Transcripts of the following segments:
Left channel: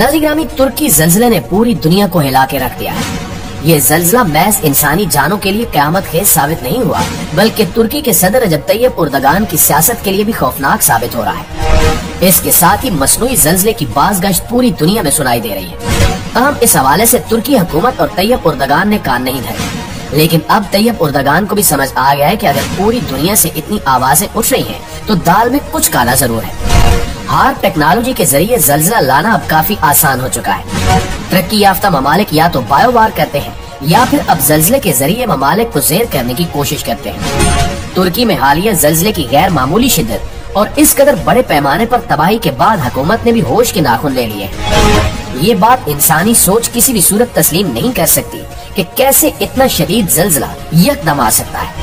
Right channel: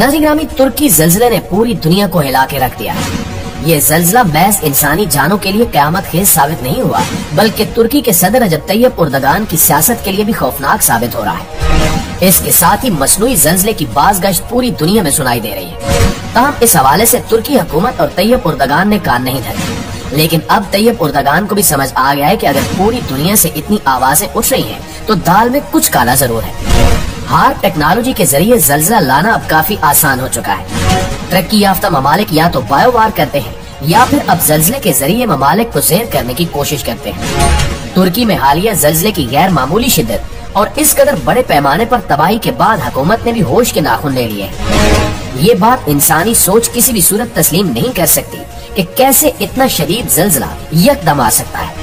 नाज़रीन ग्रामी, तुर्की ज़ल्ज़ले ने पूरी दुनिया को हिला के रख दिया है। ये ज़ल्ज़ला महज इंसानी जानों के लिए क़यामत खेज़ साबित नहीं हुआ, बल्कि तुर्की के सदर रजब तैयब उर्दगान की सियासत के लिए भी खौफनाक साबित हो रहा है। इसके साथ ही मसनूई ज़ल्ज़ले की बाज़गश्त पूरी दुनिया में सुनाई दे रही है। तमाम इस हवाले से तुर्की हुकूमत और तैयब उर्दगान ने कान नहीं धरे, लेकिन अब तैयब उर्दगान को भी समझ आ गया है कि अगर पूरी दुनिया से इतनी आवाजें उठ रही हैं, तो दाल में कुछ काला जरूर है। हार्ड टेक्नोलॉजी के जरिए ज़ल्ज़ला लाना अब काफी आसान हो चुका है। तरक्की याफ्ता ममालिक या तो बायोवार करते हैं या फिर अब ज़ल्ज़ले के जरिए ममालिक को ज़ेर करने की कोशिश करते हैं। तुर्की में हालिया ज़ल्ज़ले की गैर मामूली शिद्दत और इस कदर बड़े पैमाने पर तबाही के बाद हुकूमत ने भी होश के नाखून ले लिए हैं। ये बात इंसानी सोच किसी भी सूरत तस्लीम नहीं कर सकती कि कैसे इतना शदीद ज़ल्ज़ला यकदम आ सकता है।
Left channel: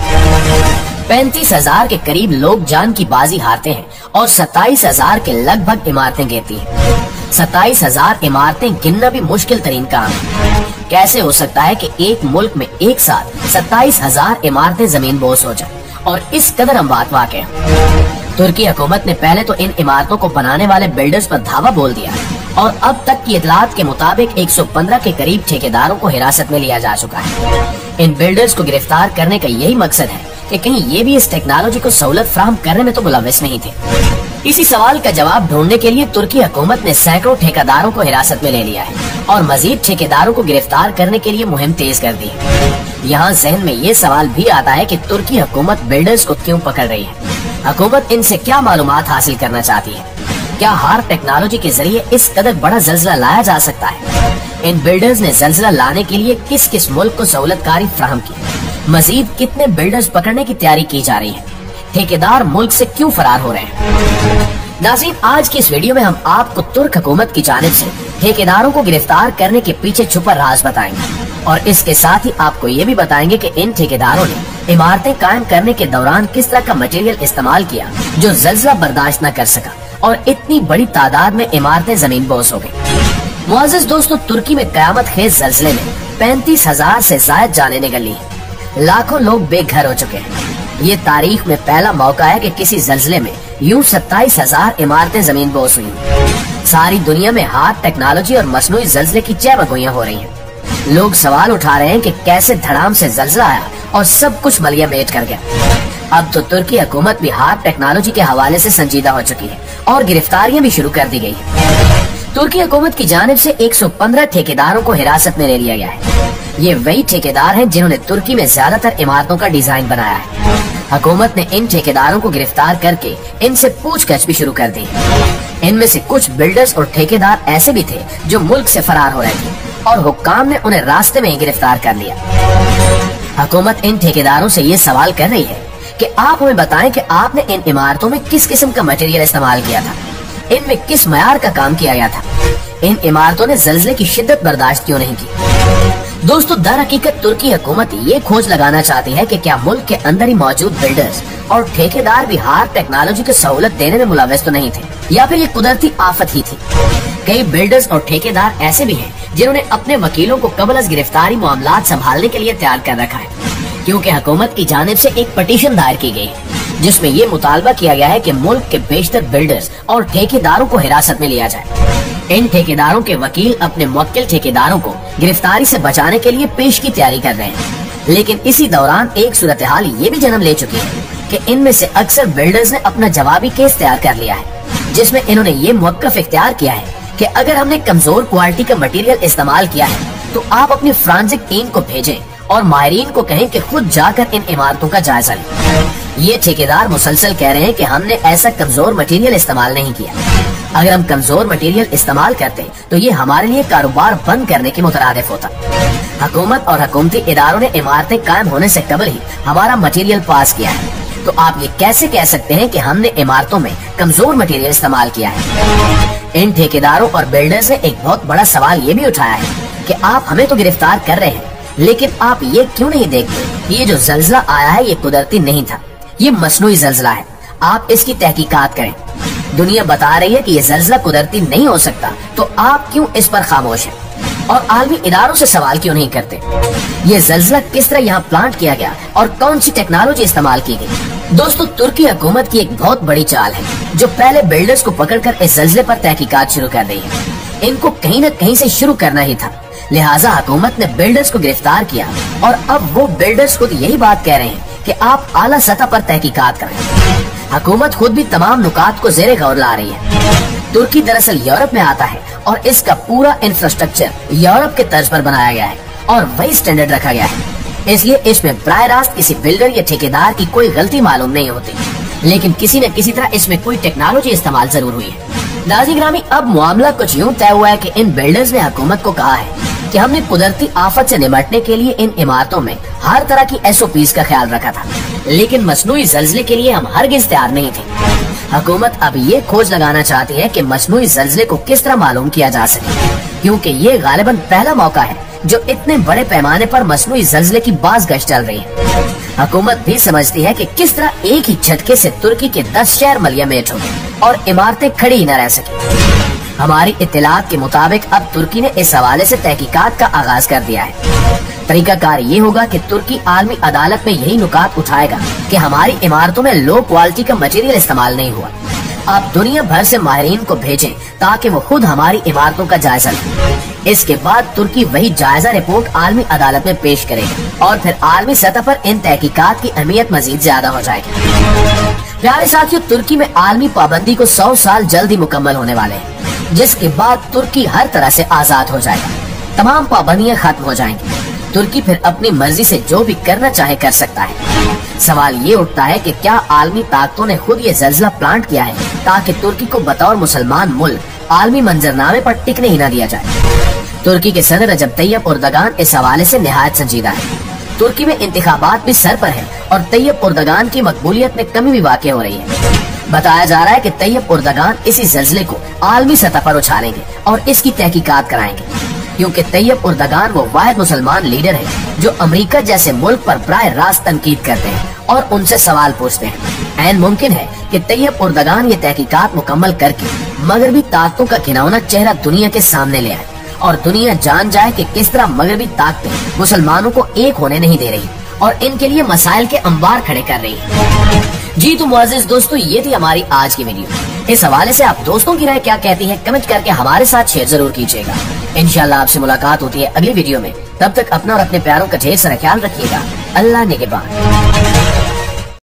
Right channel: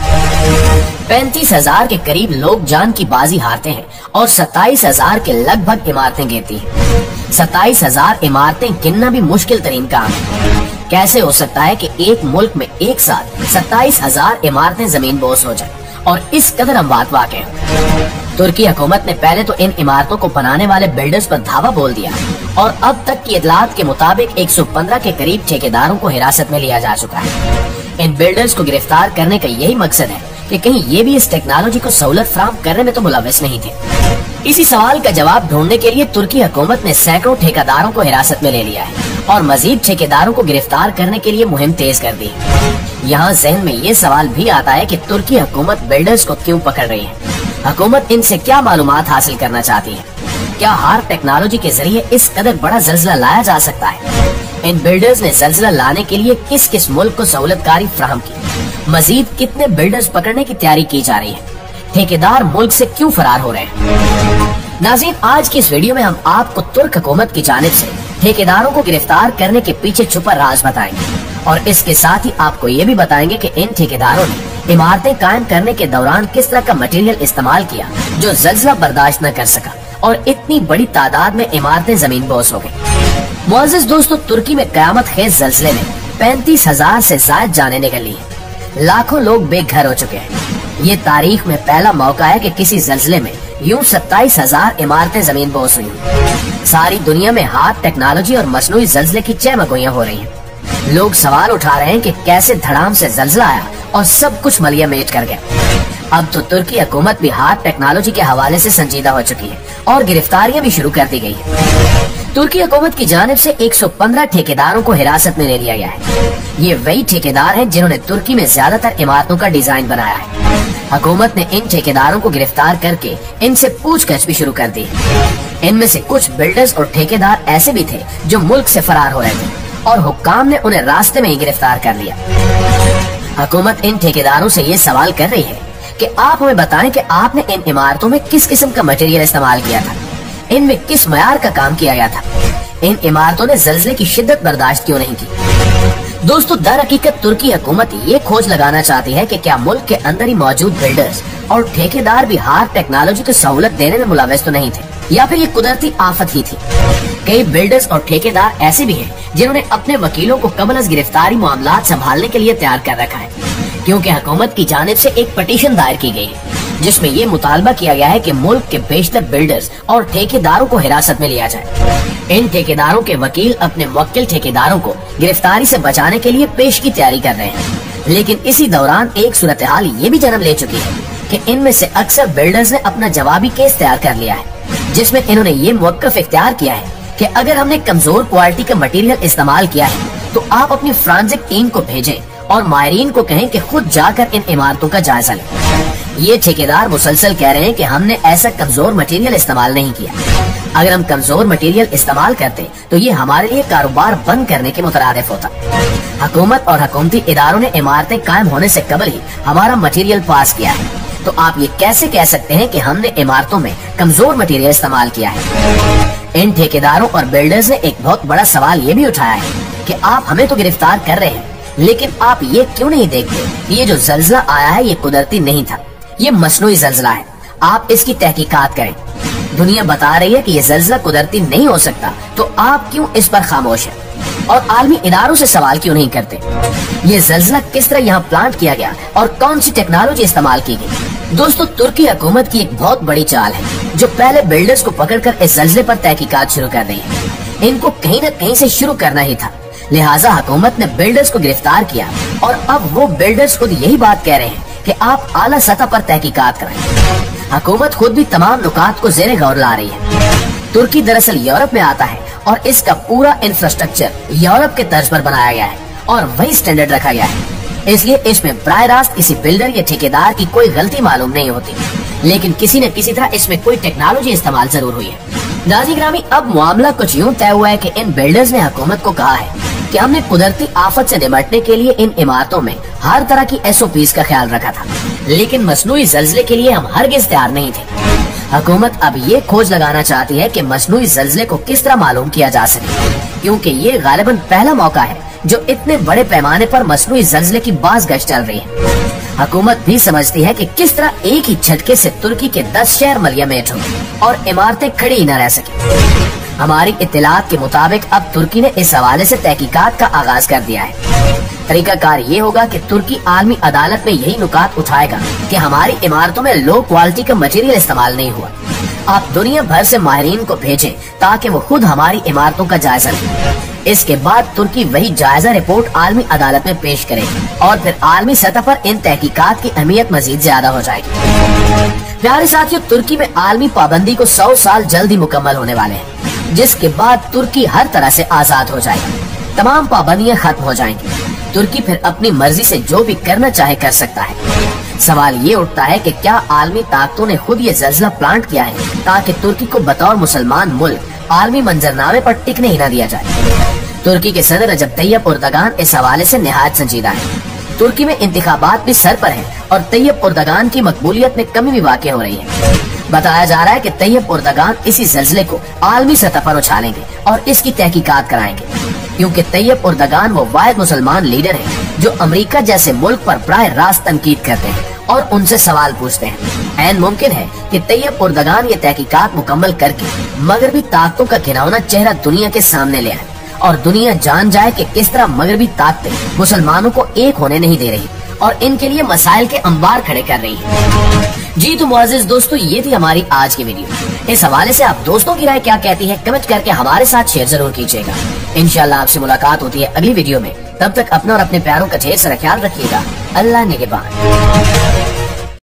35,000 के करीब लोग जान की बाजी हारते हैं और 27,000 के लगभग इमारतें गिरती हैं। 27,000 इमारतें गिनना भी मुश्किल तरीन काम है। कैसे हो सकता है कि एक मुल्क में एक साथ 27,000 इमारतें जमीन बोस हो जाएं और इस कदर अमवात वाक़े हैं। तुर्की हुकूमत ने पहले तो इन इमारतों को बनाने वाले बिल्डर्स पर धावा बोल दिया और अब तक की इतलात के मुताबिक 115 के करीब ठेकेदारों को हिरासत में लिया जा चुका है। इन बिल्डर्स को गिरफ्तार करने का यही मकसद है कि कहीं ये भी इस टेक्नोलॉजी को सहूलत फराहम करने में तो मुलविस नहीं थे। इसी सवाल का जवाब ढूंढने के लिए तुर्की हुकूमत ने सैकड़ों ठेकेदारों को हिरासत में ले लिया है और मजीद ठेकेदारों को गिरफ्तार करने के लिए मुहिम तेज कर दी है। यहाँ जहन में ये सवाल भी आता है कि तुर्की हुकूमत बिल्डर्स को क्यों पकड़ रही है। हुकूमत इनसे क्या मालूमात हासिल करना चाहती है? क्या हार्ड टेक्नोलॉजी के जरिए इस कदर बड़ा ज़ल्ज़ला लाया जा सकता है? इन बिल्डर्स ने ज़ल्ज़ला लाने के लिए किस किस मुल्क को सहूलतकारी फराहम की? मजीद कितने बिल्डर्स पकड़ने की तैयारी की जा रही है? ठेकेदार मुल्क से क्यों फरार हो रहे हैं? नाज़रीन, आज की इस वीडियो में हम आपको तुर्क हुकूमत की जानिब से ठेकेदारों को गिरफ्तार करने के पीछे छुपा राज बताएंगे और इसके साथ ही आपको ये भी बताएंगे कि इन ठेकेदारों ने इमारतें कायम करने के दौरान किस तरह का मटेरियल इस्तेमाल किया जो ज़ल्ज़ला बर्दाश्त न कर सका और इतनी बड़ी तादाद में इमारतें जमीन बोस हो गयी। मुअज़्ज़िज़ दोस्तों, तुर्की में क़यामत खेज़ ज़ल्ज़ले में 35,000 से ज़ायद जानें निकली हैं। लाखों लोग बेघर हो चुके हैं। ये तारीख में पहला मौका है कि किसी ज़ल्ज़ले में यूं 27,000 इमारतें जमीन बोस हुई। सारी दुनिया में हार्ड टेक्नोलॉजी और मसनूई ज़ल्ज़ले की चहमकोइयां हो रही हैं। लोग सवाल उठा रहे हैं कि कैसे धड़ाम से ज़ल्ज़ला आया और सब कुछ मलिया मेट कर गया। अब तो तुर्की हुकूमत भी हार्ड टेक्नोलॉजी के हवाले से संजीदा हो चुकी है और गिरफ्तारियां भी शुरू कर दी गई है। तुर्की हुकूमत की जानिब से 115 ठेकेदारों को हिरासत में ले लिया गया है। ये वही ठेकेदार हैं जिन्होंने तुर्की में ज्यादातर इमारतों का डिजाइन बनाया है। हुकूमत ने इन ठेकेदारों को गिरफ्तार करके इनसे पूछताछ भी शुरू कर दी। इनमें से कुछ बिल्डर्स और ठेकेदार ऐसे भी थे जो मुल्क से फरार हो रहे थे और हुक्काम ने उन्हें रास्ते में ही गिरफ्तार कर लिया। हुकूमत इन ठेकेदारों से ये सवाल कर रही है कि आप हमें बताएं कि आपने इन इमारतों में किस किस्म का मटेरियल इस्तेमाल किया था, इनमें किस मयार का काम किया गया था, इन इमारतों ने ज़ल्ज़ले की शिद्दत बर्दाश्त क्यों नहीं की। दोस्तों, दर हकीकत तुर्की हुकूमत ये खोज लगाना चाहती है कि क्या मुल्क के अंदर ही मौजूद बिल्डर्स और ठेकेदार भी हार्ड टेक्नोलॉजी को सहूलत देने में मुलविस तो नहीं थे या फिर ये कुदरती आफत ही थी। कई बिल्डर्स और ठेकेदार ऐसे भी हैं जिन्होंने अपने वकीलों को कबल अज़ गिरफ्तारी मामलात संभालने के लिए तैयार कर रखा है, क्योंकि हुकूमत की जानिब से एक पटिशन दायर की गई है जिसमें ये मुतालबा किया गया है कि मुल्क के बेशतर बिल्डर्स और ठेकेदारों को हिरासत में लिया जाए। इन ठेकेदारों के वकील अपने मुवक्किल ठेकेदारों को गिरफ्तारी से बचाने के लिए पेश की तैयारी कर रहे हैं, लेकिन इसी दौरान एक सूरत हाल ये भी जन्म ले चुकी है कि इनमें से अक्सर बिल्डर्स ने अपना जवाबी केस तैयार कर लिया है, जिसमें इन्होंने ये मौक़िफ़ इख्तियार किया है कि अगर हमने कमजोर क्वालिटी का मटेरियल इस्तेमाल किया है तो आप अपनी फ्रांसिक टीम को भेजें और माहिरीन को कहें कि खुद जाकर इन इमारतों का जायजा लें। ये ठेकेदार मुसलसल कह रहे हैं कि हमने ऐसा कमजोर मटेरियल इस्तेमाल नहीं किया। अगर हम कमजोर मटेरियल इस्तेमाल करते तो ये हमारे लिए कारोबार बंद करने के मुतरादिफ होता। हुकूमत और हुकूमती इदारों ने इमारतें कायम होने से कबल ही हमारा मटेरियल पास किया है, तो आप ये कैसे कह सकते हैं कि हमने इमारतों में कमजोर मटेरियल इस्तेमाल किया है। इन ठेकेदारों और बिल्डर्स ने एक बहुत बड़ा सवाल ये भी उठाया है कि आप हमें तो गिरफ्तार कर रहे हैं, लेकिन आप ये क्यों नहीं देखते ये जो ज़ल्ज़ला आया है ये कुदरती नहीं था, ये मसनूई ज़ल्ज़ला है। आप इसकी तहकीकात करें। दुनिया बता रही है कि ये ज़ल्ज़ला कुदरती नहीं हो सकता, तो आप क्यों इस पर खामोश हैं और आलमी इदारों से सवाल क्यों नहीं करते? ये ज़ल्ज़ला किस तरह यहाँ प्लांट किया गया और कौन सी टेक्नोलॉजी इस्तेमाल की गई? दोस्तों, तुर्की हुकूमत की एक बहुत बड़ी चाल है जो पहले बिल्डर्स को पकड़कर इस ज़ल्ज़ले पर तहकीकात शुरू कर रही है। इनको कहीं न कहीं से शुरू करना ही था। लिहाजा हुकूमत ने बिल्डर्स को गिरफ्तार किया और अब वो बिल्डर्स खुद यही बात कह रहे हैं कि आप आला सतह पर तहकीकात करें। हुकूमत खुद भी तमाम नुकात को ज़ेरे गौर ला रही है। तुर्की दरअसल यूरोप में आता है और इसका पूरा इंफ्रास्ट्रक्चर यूरोप के तर्ज पर बनाया गया है और वही स्टैंडर्ड रखा गया है। इसलिए इसमें बराह रास्त किसी बिल्डर या ठेकेदार की कोई गलती मालूम नहीं होती, लेकिन किसी न किसी तरह इसमें कोई टेक्नोलॉजी इस्तेमाल जरूर हुई है। नाज़रीन ग्रामी, अब मामला कुछ यूँ तय हुआ है कि इन बिल्डर्स ने हुकूमत को कहा है कि हमने कुदरती आफत से निपटने के लिए इन इमारतों में हर तरह की SOPs का ख्याल रखा था, लेकिन मसनूई ज़ल्ज़ले के लिए हम हरगिज़ तैयार नहीं थे। हुकूमत अब ये खोज लगाना चाहती है कि मसनूई ज़ल्ज़ले को किस तरह मालूम किया जा सके, क्योंकि ये गालिबन पहला मौका है जो इतने बड़े पैमाने पर मसनूई ज़ल्ज़ले की बाज़गश्त चल रही है। हुकूमत भी समझती है कि किस तरह एक ही झटके से तुर्की के 10 शहर मलयामेट हो गए और इमारतें खड़ी न रह सकी। हमारी इत्तलात के मुताबिक अब तुर्की ने इस हवाले से तहकीकात का आगाज कर दिया है। तरीकाकार ये होगा कि तुर्की आलमी अदालत में यही नुकात उठाएगा कि हमारी इमारतों में लो क्वालिटी का मटेरियल इस्तेमाल नहीं हुआ। आप दुनिया भर से माहिरीन को भेजें ताकि वो खुद हमारी इमारतों का जायजा लें। इसके बाद तुर्की वही जायजा रिपोर्ट आलमी अदालत में पेश करे और फिर आलमी सतह पर इन तहकीकात की अहमियत मजीद ज्यादा हो जाएगी। प्यारे साथियों, तुर्की में आलमी पाबंदी को 100 साल जल्दी मुकम्मल होने वाले हैं, जिसके बाद तुर्की हर तरह से आजाद हो जाएगी। तमाम पाबंदियां खत्म हो जाएंगी। तुर्की फिर अपनी मर्जी से जो भी करना चाहे कर सकता है। सवाल ये उठता है कि क्या आलमी ताकतों ने खुद ये ज़ल्ज़ला प्लांट किया है ताकि तुर्की को बतौर मुसलमान मुल्क आलमी मंजरनामे पर टिकने ही न दिया जाए। तुर्की के सदर रजब तैयब एर्दोगान इस हवाले से निहायत संजीदा है। तुर्की में इंतखाबात भी सर पर है और तैयब एर्दोगान की मकबूलियत में कमी भी वाक़ई हो रही है। बताया जा रहा है कि तैयब एर्दोगान इसी ज़ल्ज़ले को आलमी सतह पर उछालेंगे और इसकी तहकीकात कराएंगे, क्योंकि तैयब एर्दोगान वो वाहिद मुसलमान लीडर है जो अमेरिका जैसे मुल्क पर बराह रास्त तनकीद करते हैं और उनसे सवाल पूछते हैं। ऐन मुमकिन है कि तैयब एर्दोगान ये तहकीकात मुकम्मल करके मगरबी ताकतों का घिनौना चेहरा दुनिया के सामने ले आए और दुनिया जान जाए कि किस तरह मगरबी ताकतें मुसलमानों को एक होने नहीं दे रही और इनके लिए मसाइल के अंबार खड़े कर रही है। जी तो मुअज़्ज़िज़ दोस्तों, ये थी हमारी आज की वीडियो। इस हवाले से आप दोस्तों की राय क्या कहती है कमेंट करके हमारे साथ शेयर जरूर कीजिएगा। इंशाअल्लाह आपसे मुलाकात होती है अगली वीडियो में। तब तक अपना और अपने प्यारों का ढेर सारा ख्याल रखिएगा। अल्लाह निगहबान।